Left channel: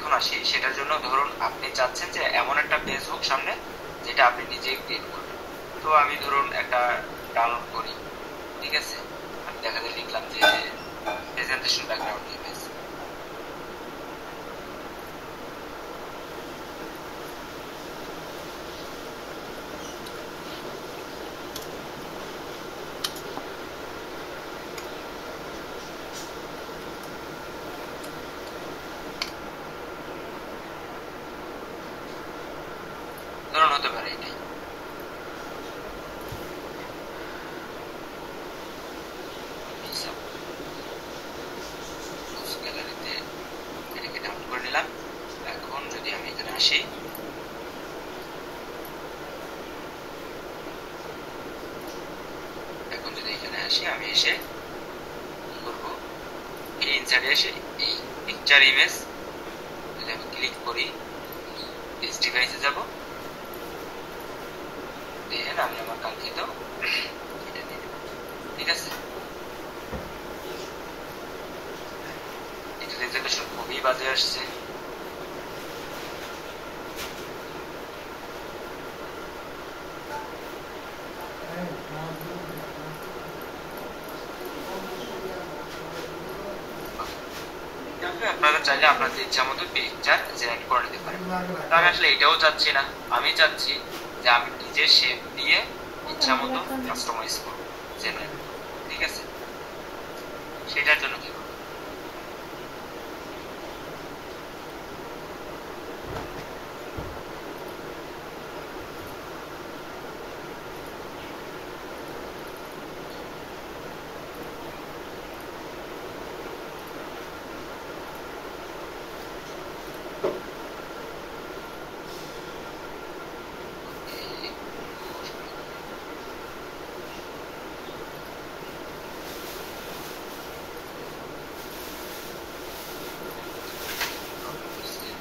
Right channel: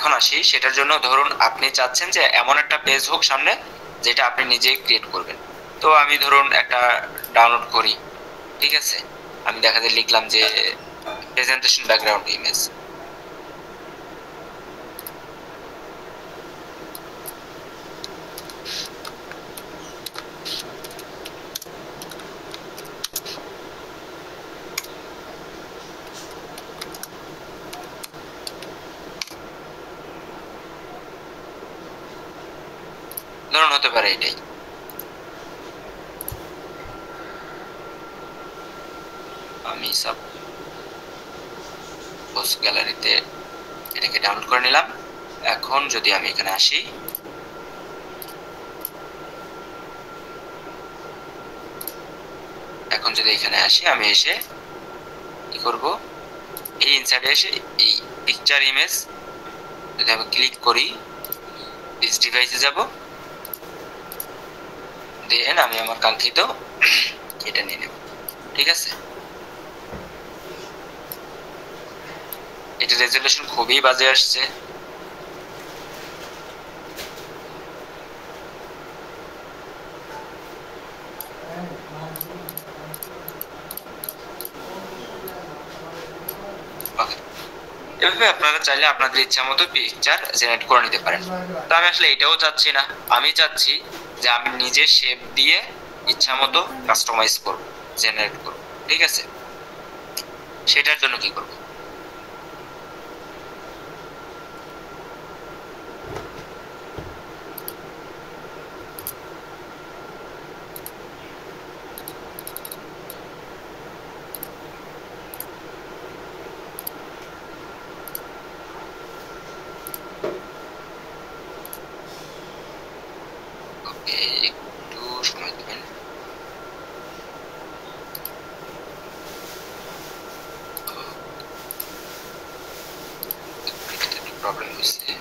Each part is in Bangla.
এখন আসি, সেটার জন্য ধরুন আপনি চাচ্ছেন যে এমন একটা পেজ হোক সামনে যেটা আপনি নিজেই ক্রিয়েট করবেন। তো আমি ধরুন একটা ডাউনলোড করি, ঠিক আছে। আমি দেখা যায় লিখলাম যে প্রেজেন্টেশন ব্যাকগ্রাউন্ড ইমেজ। ধরুন হতে পারে এটাই। আমি সাপোজ গ্যালারিতে এটাকে ডাউনলোড করে নিলাম। এখন যদি আমি এখানে আসি, আমি এসে কি করব, এই ইনসার্টে এসে এই পিকচার ইমেজ যদি আমি ক্লিক করি, দিস ডিভাইসে যাব, দেন আমি আমার কাঙ্ক্ষিত এটা নিয়ে নেব, ঠিক আছে। এটা রেজলিউশন খুবই বাজে আসছে। এভাবে আপনারা চাইলে আপনাদের ইচ্ছা মতো পিকচার জেনারেট করে নিতে পারেন। তো আমি আসলে এটাও চাচ্ছি না, আমি চাচ্ছি যে আমি নিজে শেপ দিয়ে ইচ্ছা মতো কাস্টমাইজ করব, জেনারেট করব, ঠিক আছে। সেটার জন্য কি করব, একটু সময় দেবেন। প্রবলেম হচ্ছে,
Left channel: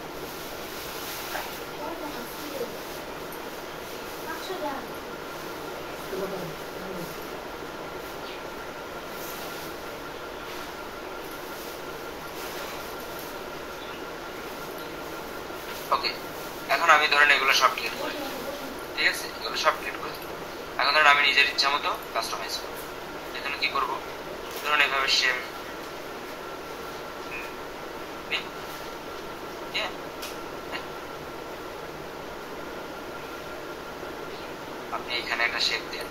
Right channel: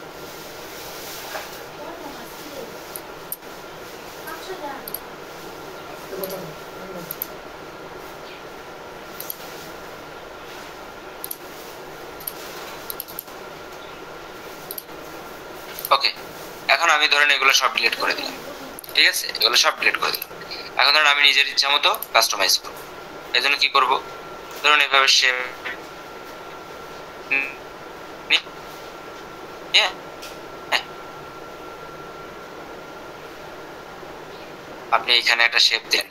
ওকে। এখন আমি ধরেন এগুলো সব ডিলিট করে দিলাম, ঠিক আছে, এগুলো সব ডিলিট করে দিলাম। এখন ধরেন আমি নিজের ইচ্ছা মতো কাস্টমাইজ করব। এর জন্য কি করব, ধরুন এভাবে শেপ আপনি এখানে একটা শেপ দেন,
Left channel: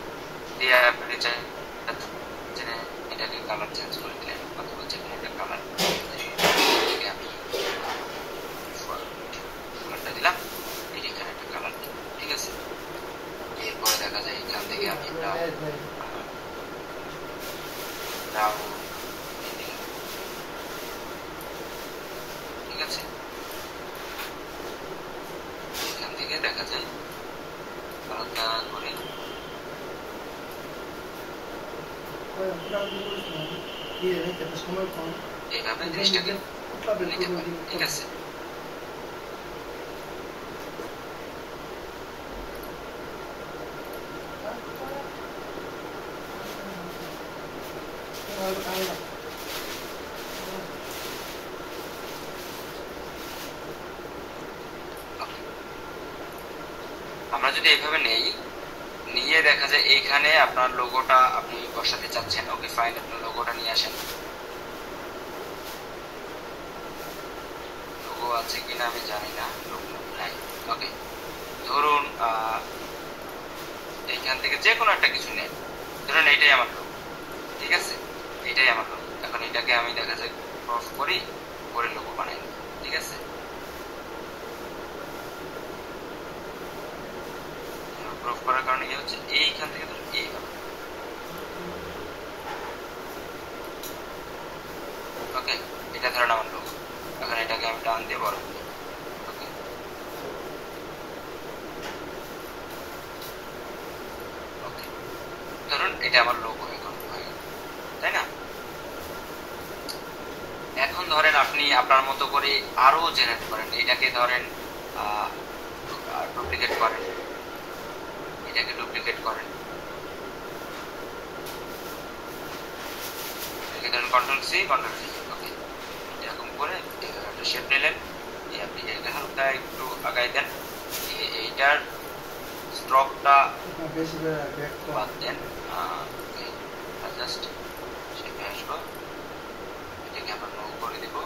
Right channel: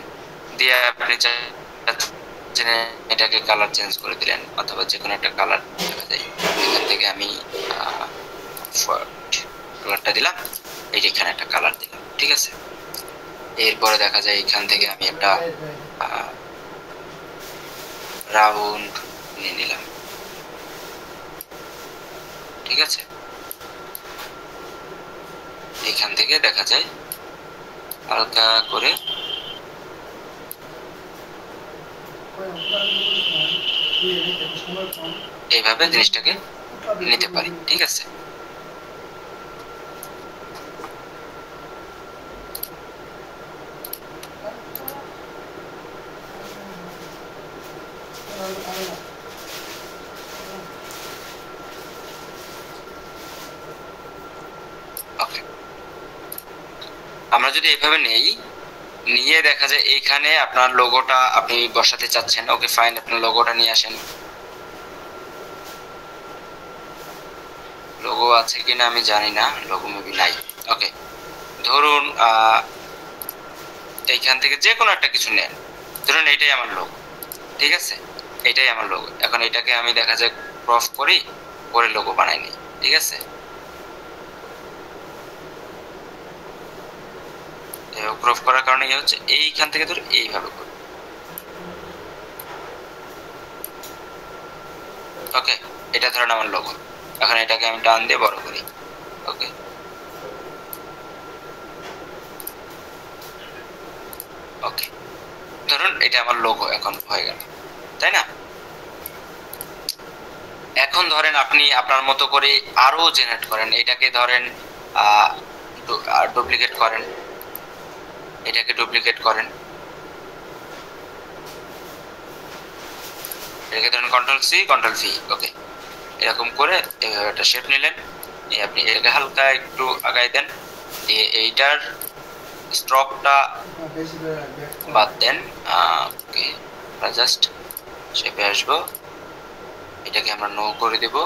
দিয়ে আপনি চাচ্ছেন এটাকে কালার চেঞ্জ করে দিলেন, অথবা যে কোনো একটা কালার এখান থেকে আমি কালারটা দিলাম, এই যে এখানে একটা কালার দিলাম, ঠিক আছে। এরপরে দেখা যায় এখান থেকে আমি একটা রাউন্ড নিয়ে নিলাম, ঠিক আছে। এখান থেকে দেখা যায় হালকা করে এইভাবে জিনিসটাকে নিতে পারি, ঠিক আছে। আমরা যদি এইভাবে নেই, নিয়ে দেখা যায় এইখানে আপনার লোগোটা আপনি বসাতে চাচ্ছেন, ওকে ফাইন, আপনার লোগোটা নিয়ে আসেন। লোগো আছে কিনা আমি জানি না, লোগো মুভি নাই, ওকে। ধরুন এইখান থেকে যে কোনো একটা কিছু নেন, ধরুন এইটাই আমার লোগো, ঠিক আছে, এইটাই আমার লোগো। এখন এটাকে আমি দেখা যায় ক্রপ করি, করে লোগো বানাই নিই, ঠিক আছে। ক্রপ করার কারণে কি হচ্ছে, এইখান থেকে ধরুন এইভাবে করি, ওকে। এটা ধরুন আমার লোগো। এখন এটাকে আমি টান দিয়ে বড় করি, ওকে, ওকে। ধরুন এটা আমার লোগো এখন হয়ে গেল, তাই না। এখন ধরেন আপনি আপনার মতো করে আরো জেনারেট করেন, এটাকে ধরেন ডুপ্লিকেট করেন, এটাকে ডুপ্লিকেট করেন, এটাকে ধরেন কন্ট্রোল সি কন্ট্রোল ভি, ওকে। এরকম করে একটা শেপ নিলেন, আপনি এটাকে হালকা একটু আগাই দেন, এইটার স্ট্রোকটা বাদ দেন। ওকে, আমরা জাস্ট শেপে আসবো, এটাকে আমরা নো করে দেব।